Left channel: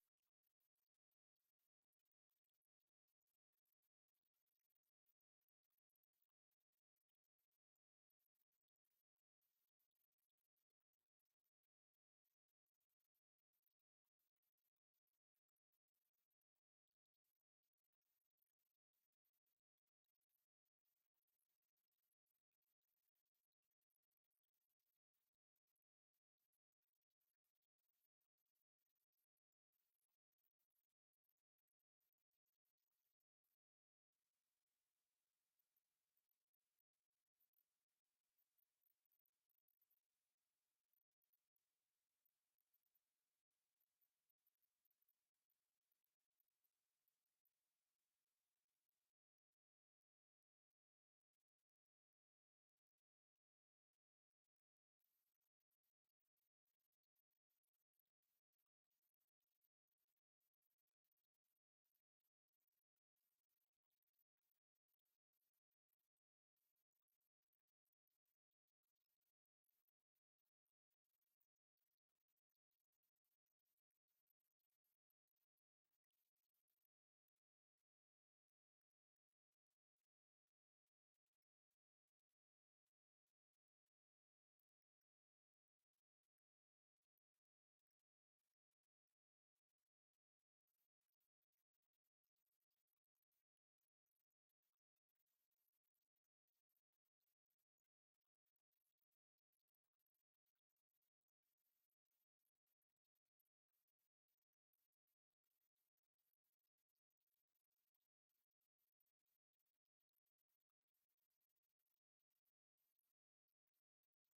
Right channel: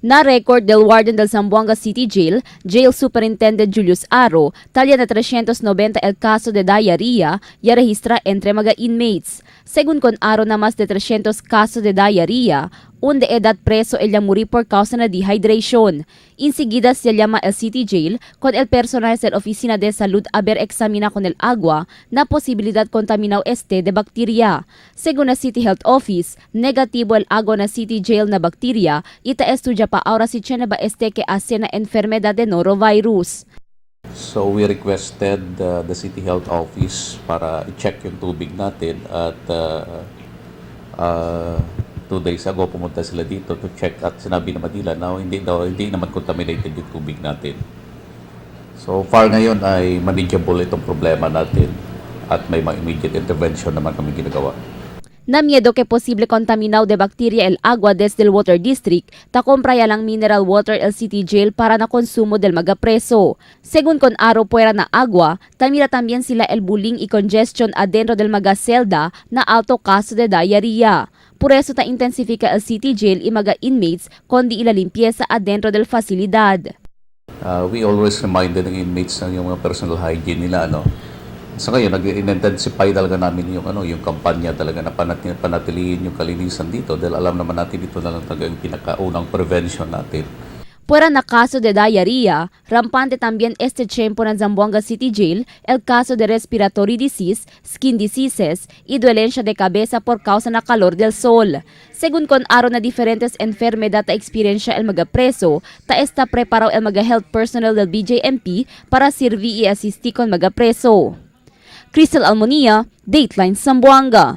Na-record del Warden del Zamboanga City Jail, Jail Superintendent Julius Aro, talya na 390 el caso de diarrhea y registra entre mga inmates. Según con Aro na más de 300 casos de diarrhea, un de edad preso el muri por causa na dehydration. Inseguida se llama el City Jail con el personal de la Oficina de Salud a ver examina con el agua na posibilidad contaminado este de bacteria. Según la City Health Office, negativo el agua na City Jail na bacteria ita estudia pa ahora si tiene ba este que hace na enfermedad de norovirus. So we requested the City Health Office para i-check yung tubig natin at 2 days ago pumunta sila dito to check at sinabi naman nila na hindi naman contaminated yung tubig natin. So far ngayon ay manageable itong problema natin at may mga immediate intervention naman kami ginagawa. Na miedo que posible contaminado de bacteria el agua desde el Water District, ta compra ya lang mineral water el City Jail para na konsumo del mga preso. Según con Aro puera na agua, tamira también sila el bullying y congestion adentro del mga celda na alto caso de diarrhea. Por eso ta intensifica el City Jail y mga inmates kundi ila limpieza adentro del facilidad. We always reminded ng inmates ng yung mga personal hygiene nila, So ngayon, nag-intensify talaga namin yung kampanya talaga na panatilihin yung kalinisan dito dahil alam naman natin dito na lang talaga yung pinakaunang prevention natin. Fuera na caso de diarrhea, rampante también este tiempo ng Zamboanga City Jail el caso de respiratory disease, skin diseases y dolencia de cabeza por causa na calor del sol. Según con Aro na diferentes enfermedad ta experiencia el mga preso, ta está preparado el mga health personnel del BJMP para servir y asistir con mga preso. Crystal Almonia, Dateline Zamboanga.